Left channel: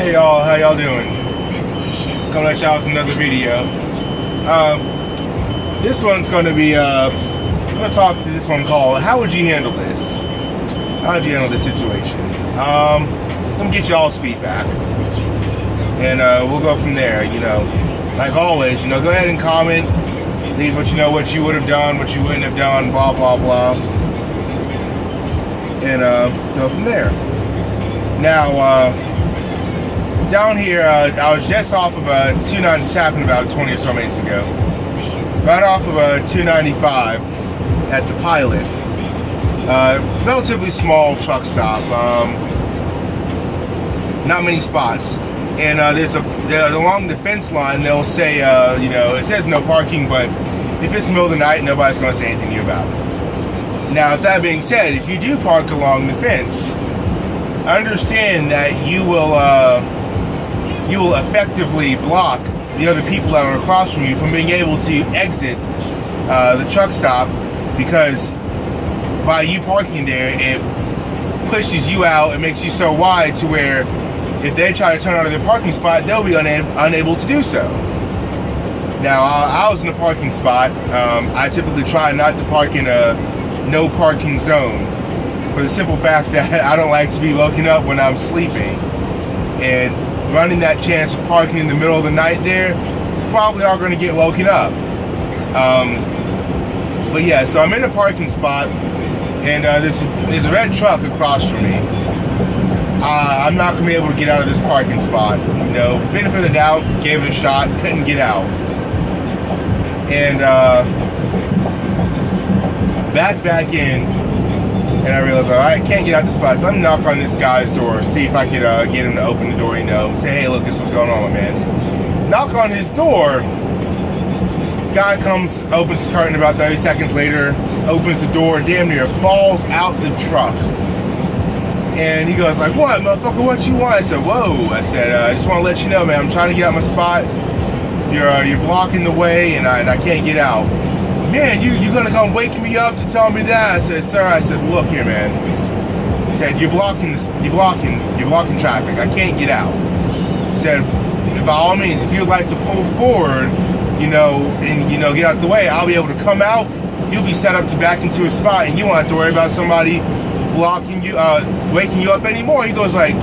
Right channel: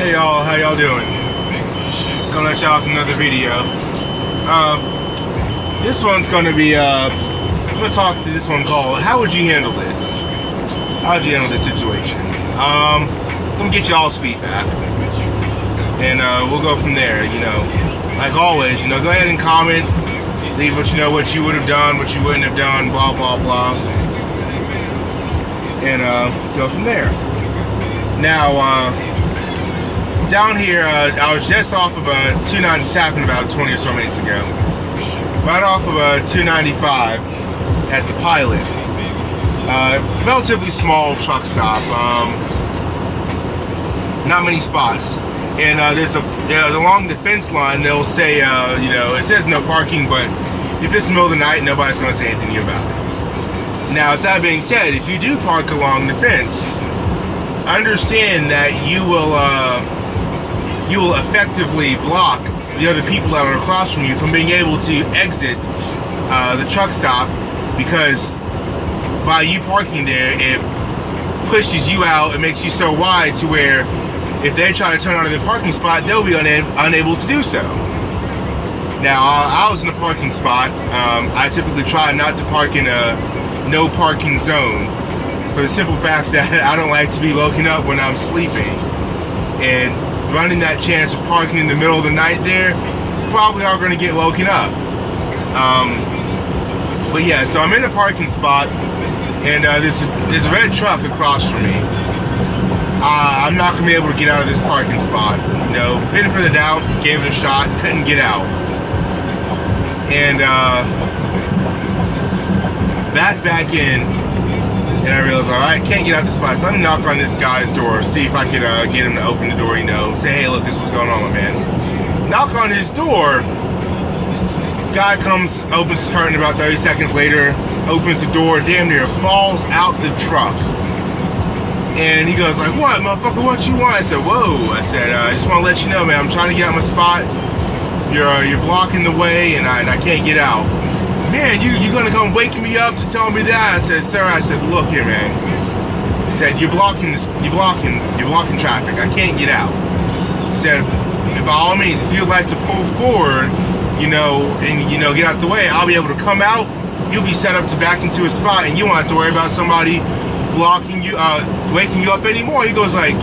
Hey y'all, how y'all doing? Coming at y'all with another video. This one's gonna be, I'm gonna talk to this one called, how would you handle this? How would you handle this situation? I'm gonna get y'all's feedback. And we'll go from there, you know. Like always, you know, go ahead and comment. Leave what you know, what you would have done, what you wouldn't have done, blah, blah, blah. And go from there. Now, down here, I was just off of a 290, this happened about 20 or so minutes ago. Right off of a 295 at the Pilot. Relatively small truck stop. Not many spots. And there's along the fence line, they'll say, you know, it says no parking, but if it's the middle of the night, nobody's going to say anything to you about it. Now, with that being said, if you do park along the fence, understand that you will effectively block the other people that are across from you from being able to exit the truck stop, because by you parking there, it pushes you out. It makes you so wide to where if they try to turn out of their parking spot, they'll be unable to do so. Now, I was in a parking spot. I typically try not to park in a no parking zone for the simple fact that I don't like to be woken up when I'm sleeping. And running that chance of parking in the middle of the night there, probably are going to get woken up. But yeah, so I'm in a parking spot, and there's a red truck across from me. I'm not going to be able to get out of this parking spot. You know, benefit of the doubt, gave it a shot, couldn't get out. And back in, and I realized, all right, can't get out this spot. So I'm knock on this guy's door, see if I could get him to open the door, you know, say, hey, look, this is what's going on, my man. Knock on his door. Guy comes, opens his curtain about 30 seconds later, opens the door, damn near falls out the truck. And he goes like, what, motherfucker, what you want? I said, whoa. I said, I just want to let you know, man, I'm trying to get out my spot. You're blocking the way, and I can't get out. Man, you gonna come waking me up to tell me that? I said, sir, I said, look here, man. I said, you're blocking traffic. I can't get out. I said, and by all means, if you'd like to pull forward, you know, and get out the way, I'll be able to come out. You'll be set up to back into a spot, and you won't have to worry about somebody blocking you, waking you up anymore. He goes like,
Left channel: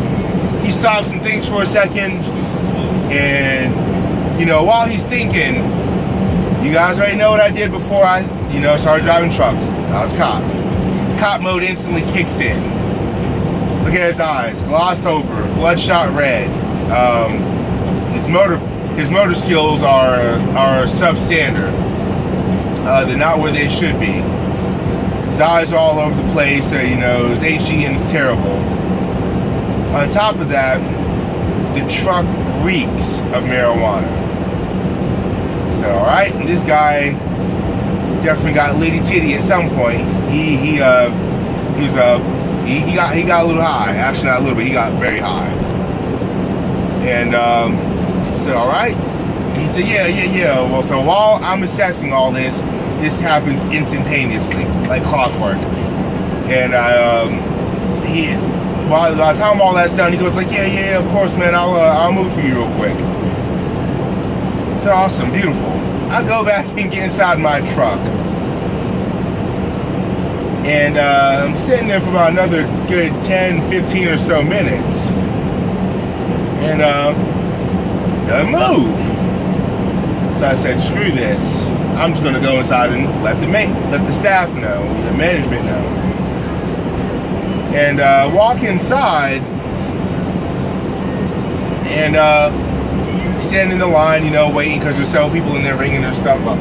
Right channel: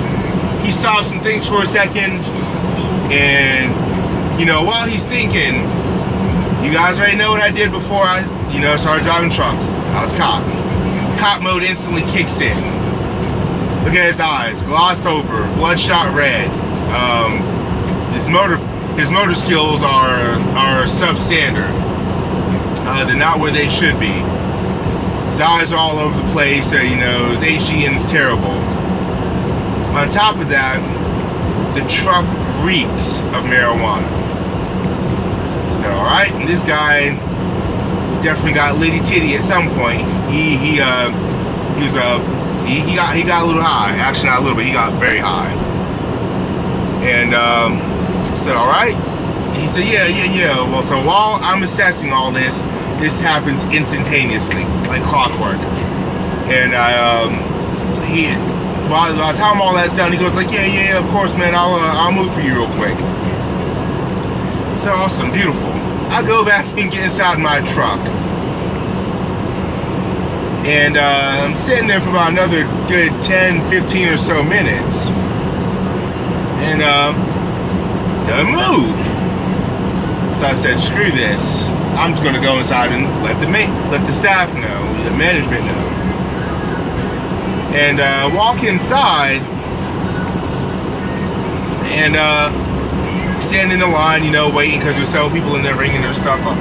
he stops and thinks for a second, and you know, while he's thinking, you guys already know what I did before I, you know, started driving trucks. I was cop. Cop mode instantly kicks in. Look at his eyes, glossed over, bloodshot red. His motor skills are substandard. They're not where they should be. His eyes are all over the place. You know, his HGN is terrible. On top of that, the truck reeks of marijuana. So, all right, and this guy definitely got litty titty at some point. He got a little high. Actually, not a little bit. He got very high. And said, all right. And he said, yeah. Well, so while I'm assessing all this happens instantaneously, like clockwork. And while I tell him all that's done, he goes like, yeah, of course, man. I'll move for you real quick. So awesome, beautiful. I go back and get inside my truck. And I'm sitting there for about another good 10, 15 or so minutes. And doesn't move. So I said, screw this. I'm just gonna go inside and let the staff know, the management know. And walk inside and standing in the line, you know, waiting, because there's several people in there ringing their stuff up.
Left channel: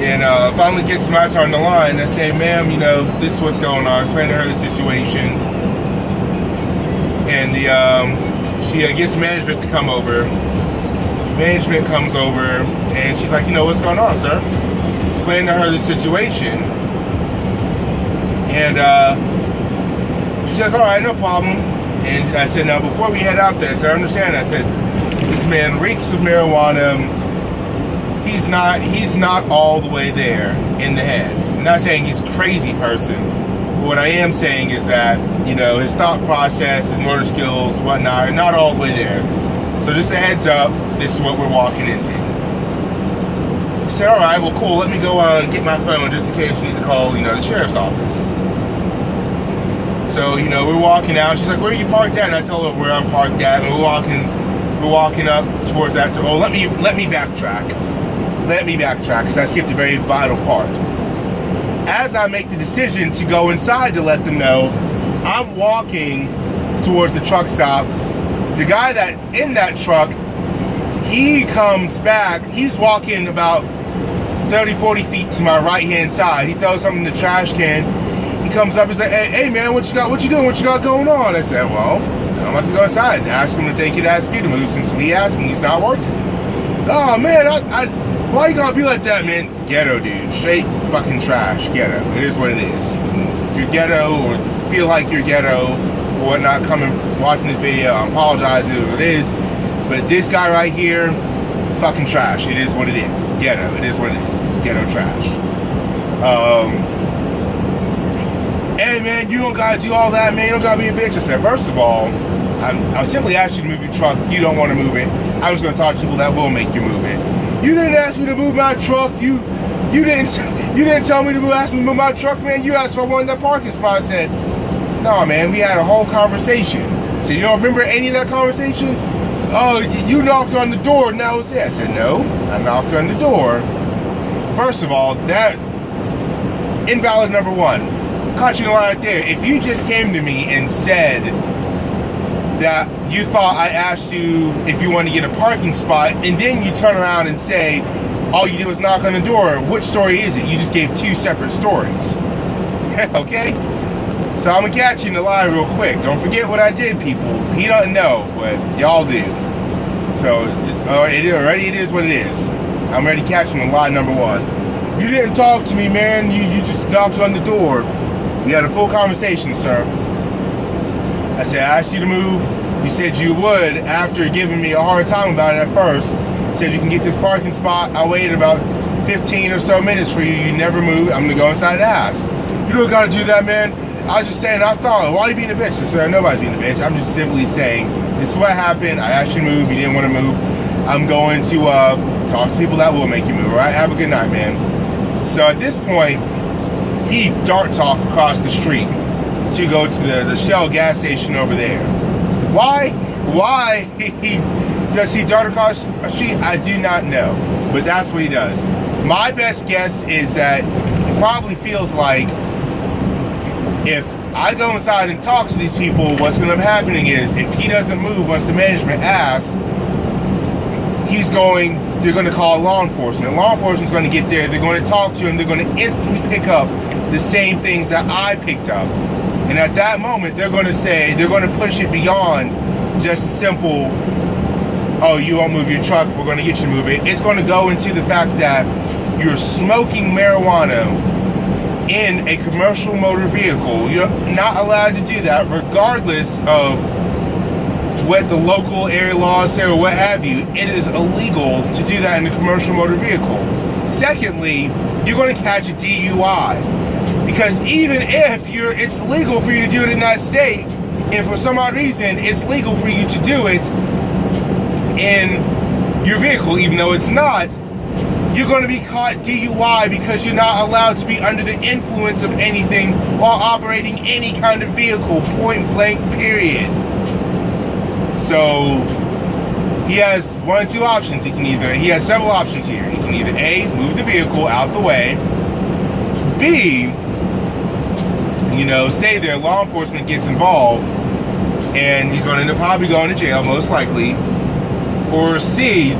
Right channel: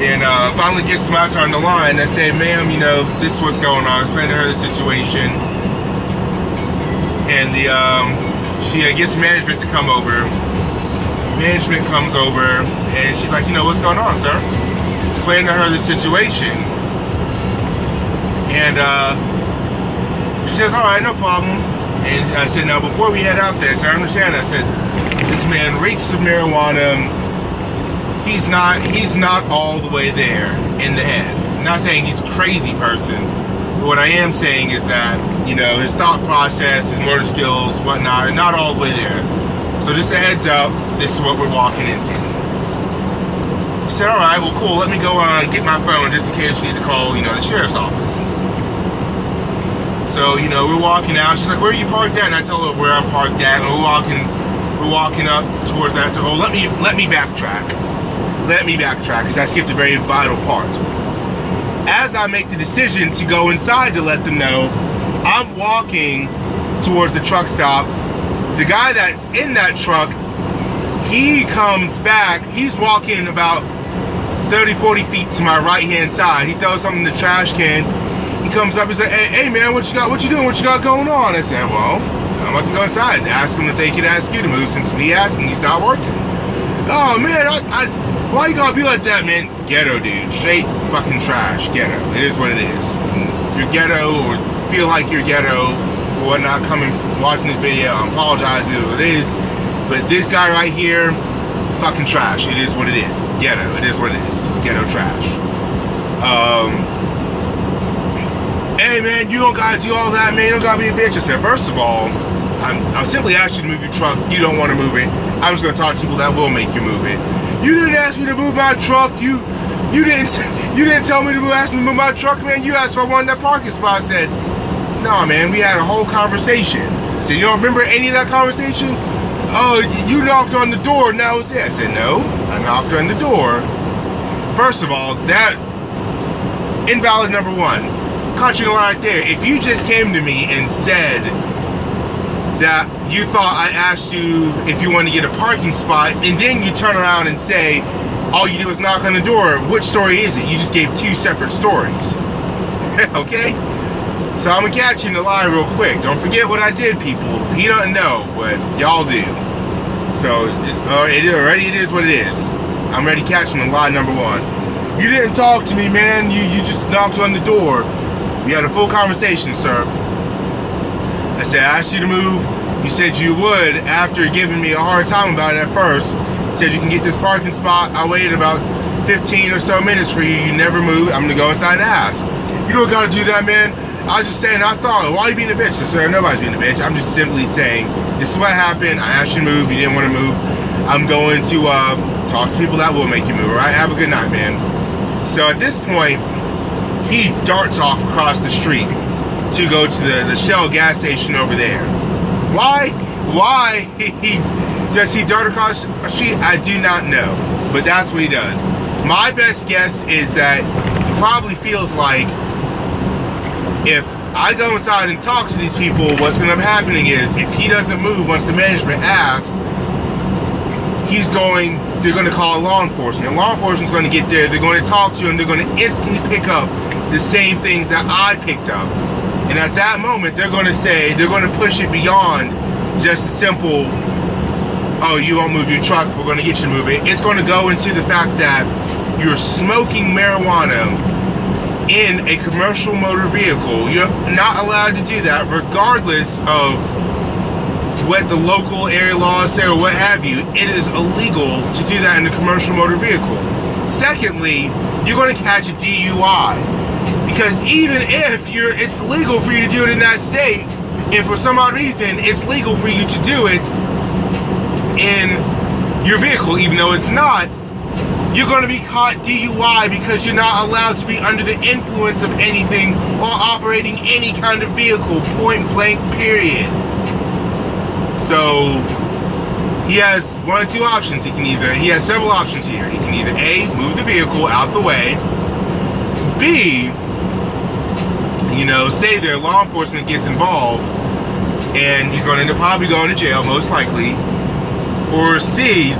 And finally gets to my turn in the line. I say, ma'am, you know, this is what's going on. Explain to her the situation. And she gets management to come over. Management comes over, and she's like, you know, what's going on, sir? Explain to her the situation. And she says, all right, no problem. And I said, now, before we head out there, sir, understand, I said, this man reeks of marijuana. He's not all the way there in the head. I'm not saying he's a crazy person, but what I am saying is that, you know, his thought process, his motor skills, whatnot, are not all the way there. So just a heads up, this is what we're walking into. She said, all right, well, cool, let me go and get my phone just in case we need to call, you know, the sheriff's office. So, you know, we're walking out. She's like, where are you parked at? And I tell her where I'm parked at. And we're walking up towards that. Oh, let me backtrack. Let me backtrack, because I skipped a very vital part. As I make the decision to go inside to let them know, I'm walking towards the truck stop. The guy that's in that truck, he comes back. He's walking about 30, 40 feet to my right-hand side. He throws something in the trash can. He comes up, he's like, hey man, what you got? What you doing? What you got going on? I said, well, I'm about to go inside and ask him if they could ask you to move, since we asked him, he's not working. Oh man, why you gotta be like that, man? Ghetto, dude. Straight fucking trash. Ghetto. It is what it is. If you're ghetto or feel like you're ghetto or whatnot, coming watching this video, I apologize if it is. But this guy right here, fucking trash. It is what it is. Ghetto. It is what it is. Ghetto trash. Hey man, you don't gotta do all that, man. You don't gotta be a bitch. I said, first of all, I'll simply ask you to move your truck. You don't want to move it. I'm just gonna talk to people that will make you move it. You didn't ask me to move my truck. You didn't tell me to ask me to move my truck, man. You asked if I wanted that parking spot. I said, no, man. We had a whole conversation. So you don't remember any of that conversation? Oh, you knocked on the door and that was it. I said, no, I knocked on the door. First of all, that invalid number one. Country line right there. If you just came to me and said that you thought I asked you if you want to get a parking spot, and then you turn around and say all you did was knock on the door, which story is it? You just gave two separate stories. Okay? So I'm gonna catch you in the lie real quick. Don't forget what I did, people. He doesn't know, but y'all do. So it is what it is. I'm ready to catch him in lie number one. You didn't talk to me, man. You just knocked on the door. We had a full conversation, sir. I said, I asked you to move. You said you would after giving me a hard time about it at first. Said you can get this parking spot. I waited about 15 or so minutes for you. You never moved. I'm gonna go inside and ask. You don't gotta do that, man. I was just saying, I thought, why are you being a bitch? I said, nobody's being a bitch. I'm just simply saying, this is what happened. I asked you to move. You didn't want to move. I'm going to talk to people that will make you move. All right, have a good night, man. So at this point, he darts off across the street to go to the Shell gas station over there. Why does he dart across the street? I do not know, but that's what he does. My best guess is that he probably feels like if I go inside and talk to these people, what's going to be happening is if he doesn't move once the management asks, they're going to call law enforcement. Law enforcement's going to get there, they're going to talk to him, they're going to instantly pick up the same things that I picked up. And at that moment, they're going to push it beyond just a simple, oh, you won't move your truck, we're going to get you to move it. It's going to go into the fact that you're smoking marijuana in a commercial motor vehicle. You're not allowed to do that regardless of what the local area laws say or what have you. It is illegal to do that in a commercial motor vehicle. Secondly, you're going to catch a DUI. Because even if it's legal for you to do it in that state, if for some odd reason it's legal for you to do it in your vehicle, even though it's not, you're going to be caught DUI because you're not allowed to be under the influence of anything while operating any kind of vehicle, point blank, period. So he has one or two options. He has several options here. He can either A, move the vehicle out the way, B, stay there, law enforcement gets involved, and he's going to probably go into jail, most likely, or C,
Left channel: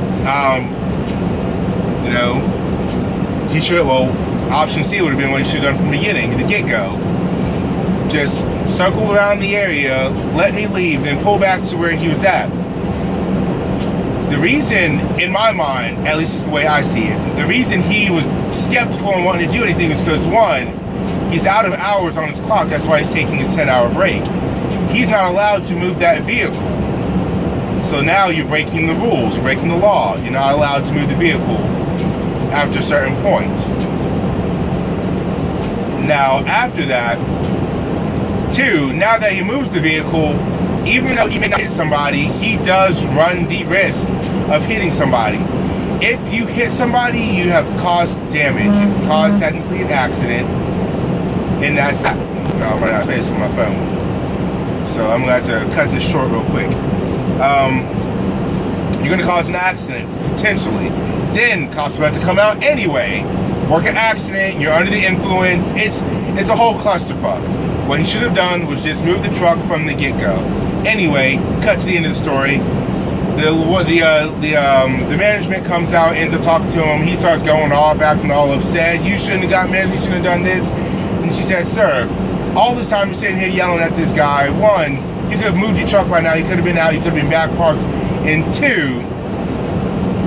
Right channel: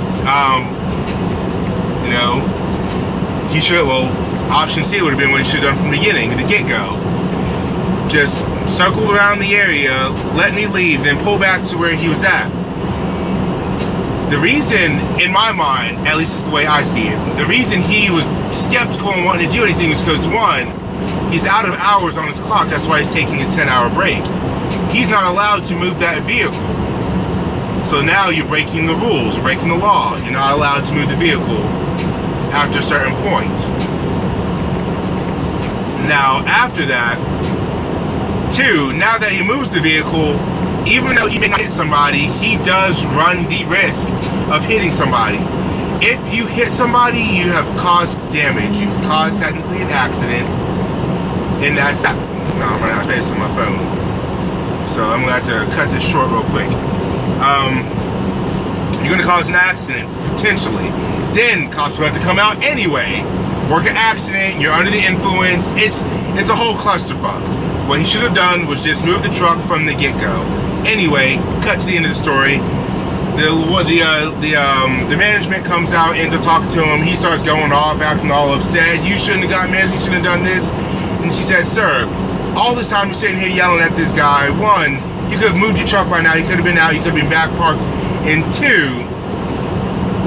option C would have been what he should have done from the beginning, the get-go. Just circle around the area, let me leave, then pull back to where he was at. The reason, in my mind, at least is the way I see it, the reason he was skeptical and wanting to do anything is because, one, he's out of hours on his clock. That's why he's taking his 10-hour break. He's not allowed to move that vehicle. So now you're breaking the rules, you're breaking the law. You're not allowed to move the vehicle after a certain point. Now, after that, Two, now that he moves the vehicle, even though he may not hit somebody, he does run the risk of hitting somebody. If you hit somebody, you have caused damage. You've caused technically an accident. And that's that. No, I'm running out of space on my phone. So I'm going to have to cut this short real quick. You're going to cause an accident, potentially. Then cops will have to come out anyway, work an accident, you're under the influence. It's a whole clusterfuck. What he should have done was just move the truck from the get-go. Anyway, cut to the end of the story. The management comes out, ends up talking to him. He starts going off, acting all upset. You shouldn't have got married, you shouldn't have done this. And she said, sir, all this time you're sitting here yelling at this guy. One, you could have moved your truck right now. You could have been out, you could have been back parked. And two,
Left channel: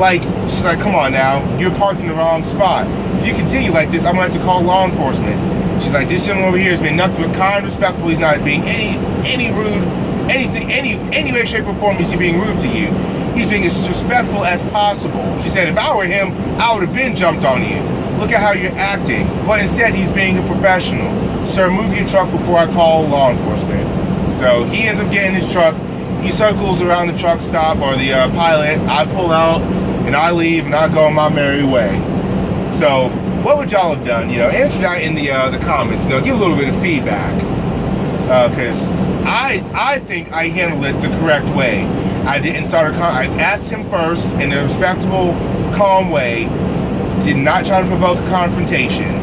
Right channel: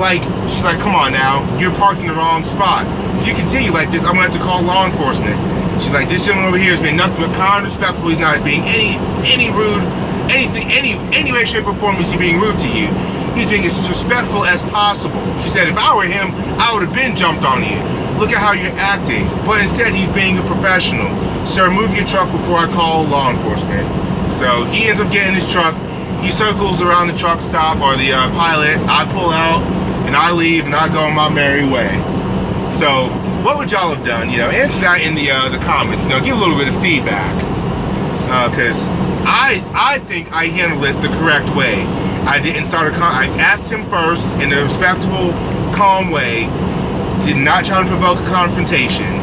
like, she's like, come on now, you're parked in the wrong spot. If you continue like this, I'm gonna have to call law enforcement. She's like, this gentleman over here is being nothing but kind, respectful. He's not being any rude, anything, any way, shape, or form is he being rude to you. He's being as respectful as possible. She said, if I were him, I would have been jumped on you. Look at how you're acting. But instead, he's being a professional. Sir, move your truck before I call law enforcement. So he ends up getting his truck. He circles around the truck stop or the pilot. I pull out and I leave and I go on my merry way. So what would y'all have done? You know, answer that in the comments. You know, give a little bit of feedback. Because I think I handled it the correct way. I didn't start I asked him first in a respectable, calm way. Did not try to provoke a confrontation.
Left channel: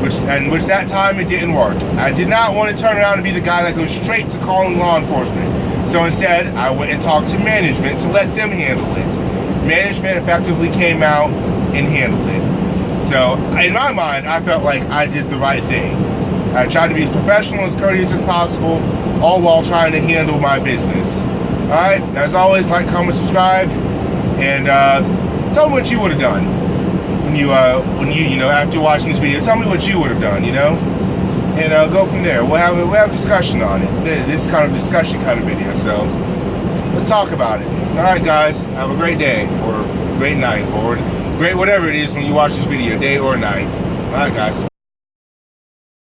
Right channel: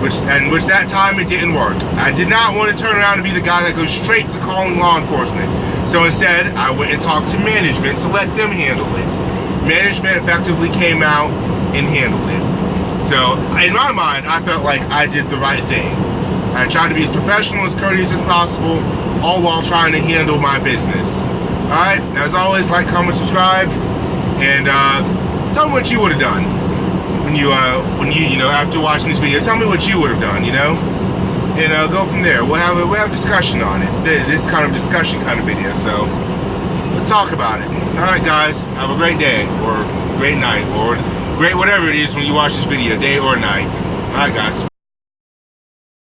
Which that time it didn't work. I did not want to turn around and be the guy that goes straight to calling law enforcement. So instead, I went and talked to management to let them handle it. Management effectively came out and handled it. So in my mind, I felt like I did the right thing. I tried to be as professional, as courteous as possible, all while trying to handle my business. Alright, as always, like, comment, subscribe, and tell me what you would have done when you after watching this video. Tell me what you would have done, you know, and go from there. We'll have a discussion on it. This kind of discussion kind of video. So let's talk about it. All right, guys, have a great day or great night or great whatever it is when you watch this video, day or night. All right, guys.